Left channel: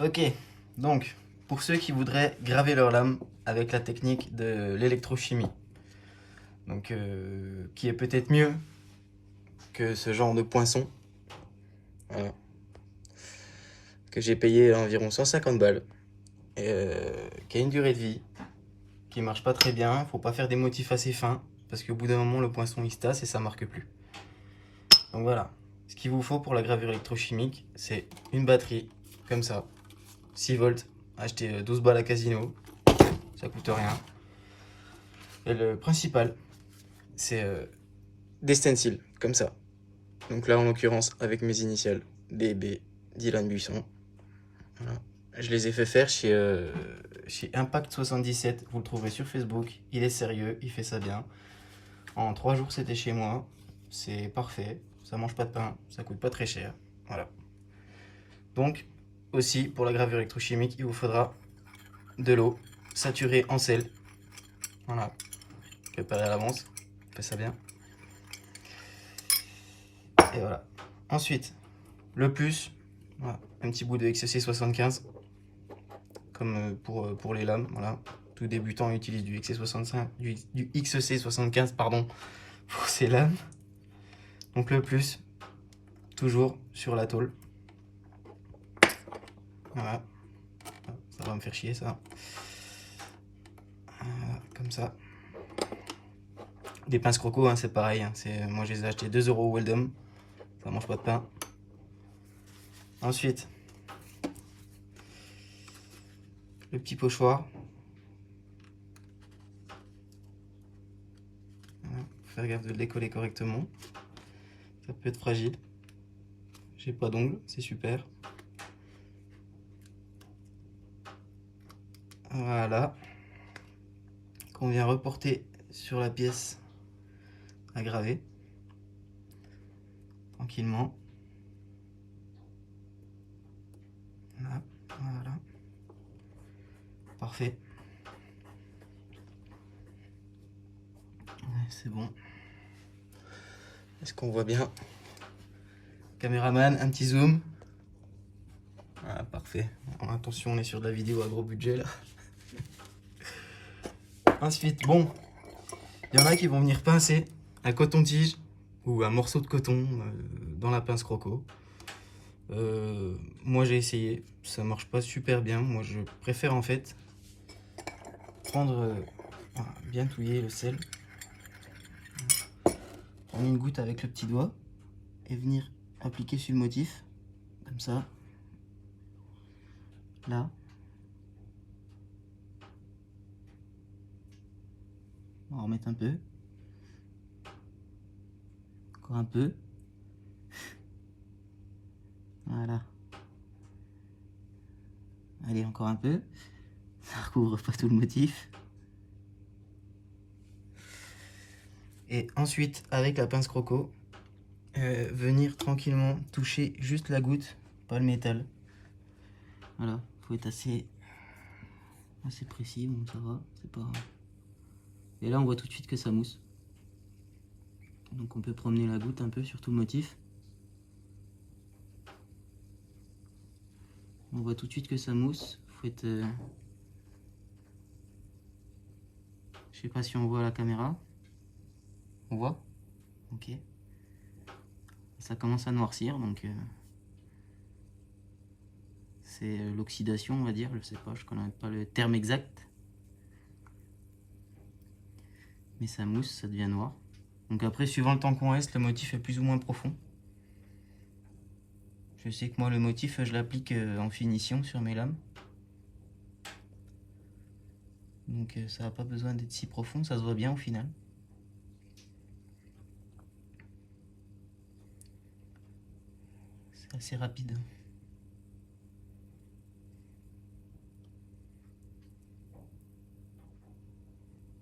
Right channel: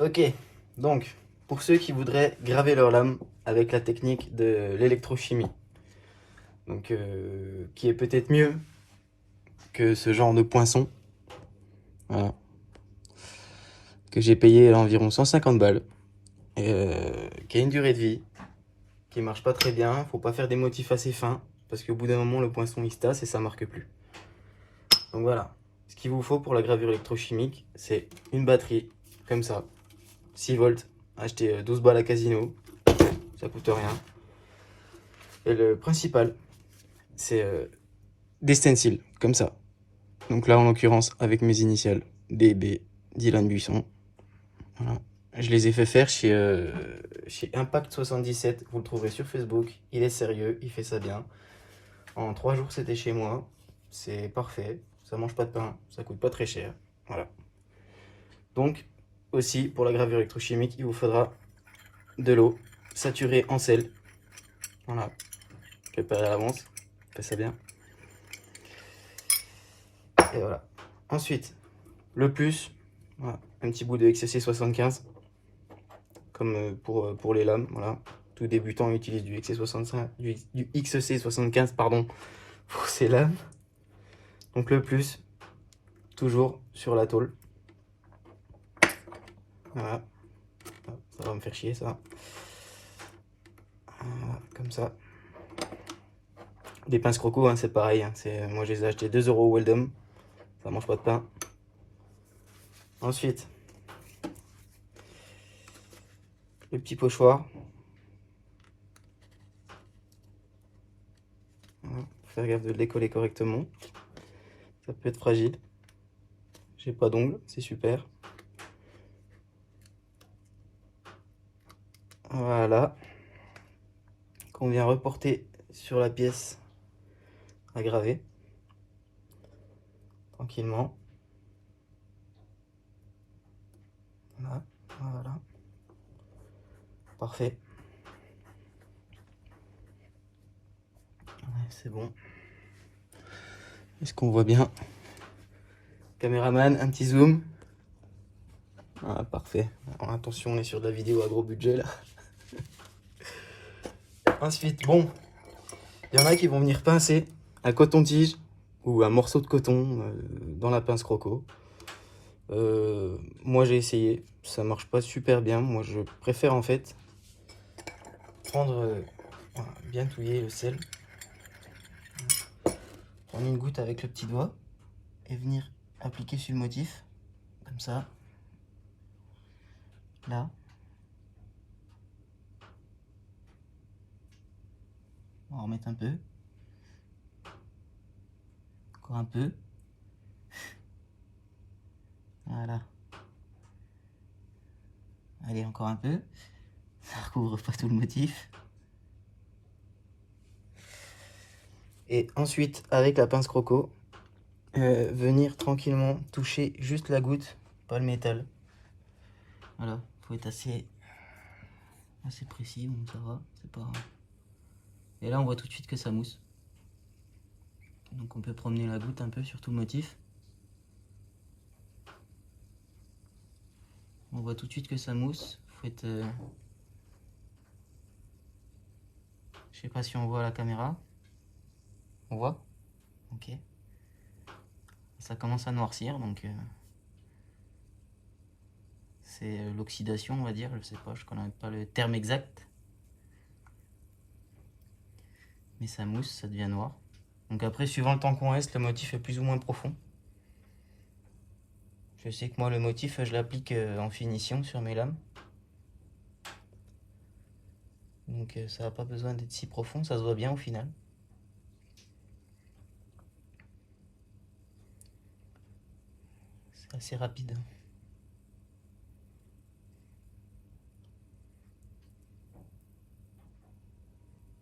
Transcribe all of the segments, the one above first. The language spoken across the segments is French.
Ok, donc pour ceux qui voudraient graver leur lame avec la technique de l'électrochimie, donc qui est peut-être mieux que ce genre de poinçon, voilà, que j'ai payé environ 150 balles, qui a une durée de vie, qui marche pas très bien, faut pas faire des motifs assez fins, parce qu'au bout d'un moment le poinçon il se tasse et ça marque plus. Donc voilà, ce qu'il vous faut pour la gravure électrochimique, c'est une batterie, comme ça, 6 volts, acheter 12 balles à Casino, ça coûte rien. Et le principal, c'est des stencils, comme ça. Donc là, en l'occurrence, avec mes initiales, DB, Dylan Buisson. Voilà. Je les ai fait faire chez Impact 77, vous le trouverez sur Facebook. Il est sérieux, il fait ça bien. En 3 jours, c'était chez moi. C'est parfait, ça mange pas de pain, ça coûte pas très cher. Voilà. Donc, aussi, pour la gravure électrochimique, il vous faudra de l'eau saturée en sel. Voilà. Préparez à l'avance, fait ça bien. Et voilà. Ensuite, le plus, voilà, un petit bout de XC 75, comme pour les lames. Voilà. Tout débutant utilise du XC65, du XC 75 pardon, pour ses lames. Donc le plus, toujours sur la tôle. Voilà. Ça va me faire chier ça. Voilà, comme ça. Des pinces croco, hein, c'est pareil. Hein. Moi je les ai achetés 2 € Weldom. Ça mange pas de pain. Ensuite, le petit pochoir. Voilà, faut faire gaffe de le décoller correctement. Ça peut être fragile. J'ai pas d'ongles, c'est super. Voilà. Qu'on vient reporter sur la pièce à graver. Tranquillement. Voilà. Voilà. Parfait. Ouais, c'est bon. Est-ce qu'on voit bien? Caméraman, un petit zoom. Voilà, parfait. Alors, attention, on est sur de la vidéo à gros budget là. Ensuite, bon, il y en a qui vont venir pincer un coton-tige ou un morceau de coton dans la pince croco. Moi j'ai essayé, ça marche pas super bien. Moi je préfère en fait prendre, voilà, bien touiller le sel, prendre une goutte avec le petit doigt et venir appliquer sur le motif, comme ça, là. On va en remettre un peu, encore un peu, voilà. Allez, encore un peu, ça recouvre pas tout le motif. Et ensuite, avec la pince croco, venir tranquillement toucher juste la goutte, pas le métal. Voilà, faut être assez précis, bon ça va, c'est pas... Et là on voit tout de suite que ça mousse. Donc on peut promener la goutte un peu sur tout le motif. On voit tout de suite que ça mousse. Faut être... Je sais pas si on voit à la caméra. On voit? Ok. Ça commence à noircir, donc... c'est l'oxydation, on va dire. Je sais pas, je connais pas le terme exact. Mais ça mousse, ça devient noir. Donc après, suivant le temps qu'on reste, le motif est plus ou moins profond. Je sais que moi, le motif, je l'applique en finition sur mes lames. Donc ça n'a pas besoin d'être si profond, ça se voit bien au final. C'est assez rapide.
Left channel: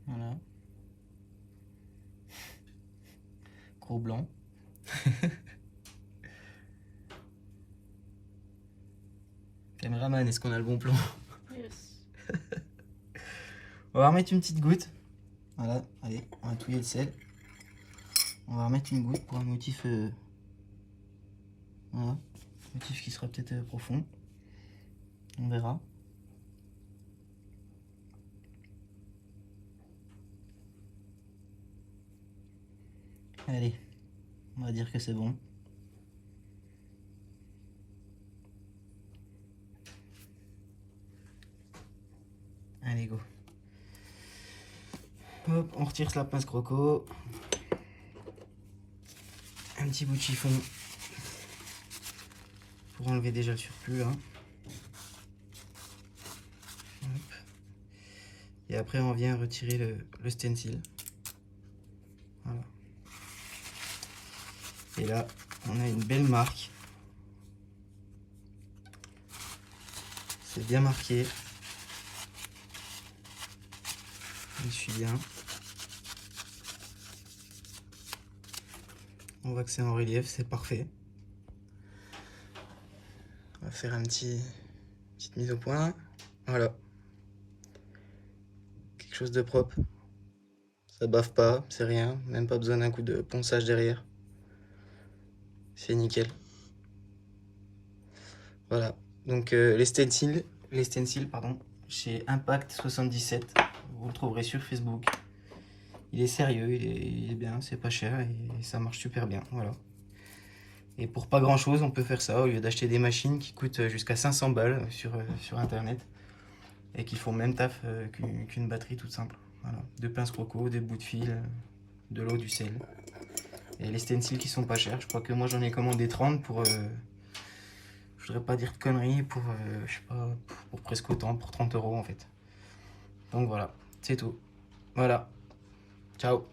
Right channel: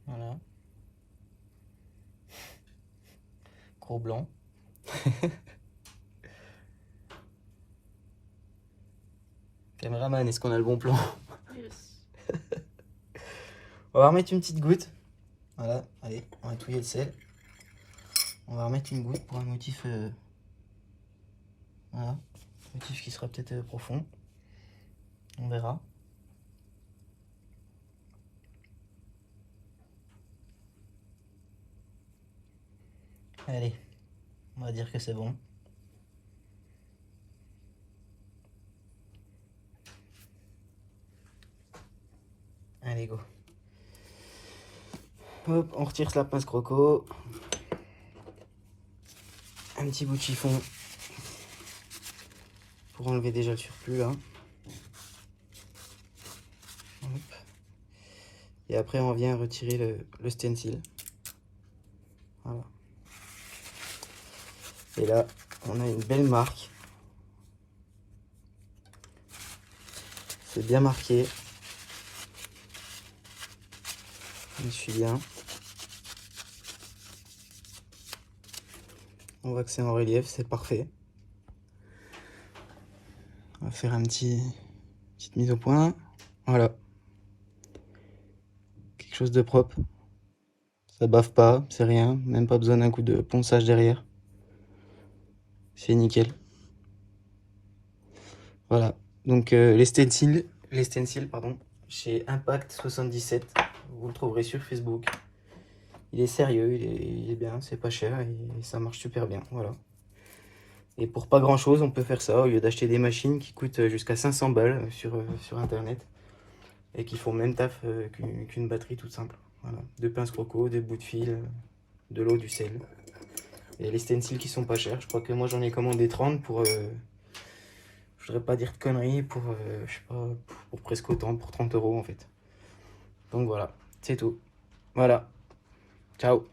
Voilà. Gros blanc. Caméraman, est-ce qu'on a le bon plan? Yes. On va remettre une petite goutte. Voilà, allez, on va touiller le sel. On va remettre une goutte pour un motif... voilà, motif qui sera peut-être profond. On verra. Allez, on va dire que c'est bon. Allez, go. Hop, on retire la pince croco. Un petit bout de chiffon pour enlever déjà le surplus là. Hop. Et après on vient retirer le stencil. Voilà. Et là on a une belle marque. C'est bien marqué. Je suis bien. On voit que c'est en relief, c'est parfait. On va faire petite mise au point. Voilà. Quelque chose de propre. Ça bave pas, c'est rien. Même pas besoin d'un coup de ponçage derrière. C'est nickel. Voilà. Donc les stencils, pardon, chez Impact 77. Vous le trouverez sur Facebook. Il est sérieux, il est bien, c'est pas cher et ça marche super bien. Voilà. Et pour pas grand chose, on peut faire ça au lieu d'acheter des machines qui coûtent jusqu'à 500 balles sur internet et qui font le même taf qu'une batterie toute simple. Voilà. Deux pinces croco, des bouts de fil, de l'eau, du sel. Et les stencils qui sont pas chers. Je crois que moi j'en ai commandé 30 pour. Je voudrais pas dire de conneries, pour. Je sais pas, pour presque autant, pour 30 € en fait. Donc voilà, c'est tout. Voilà. Ciao.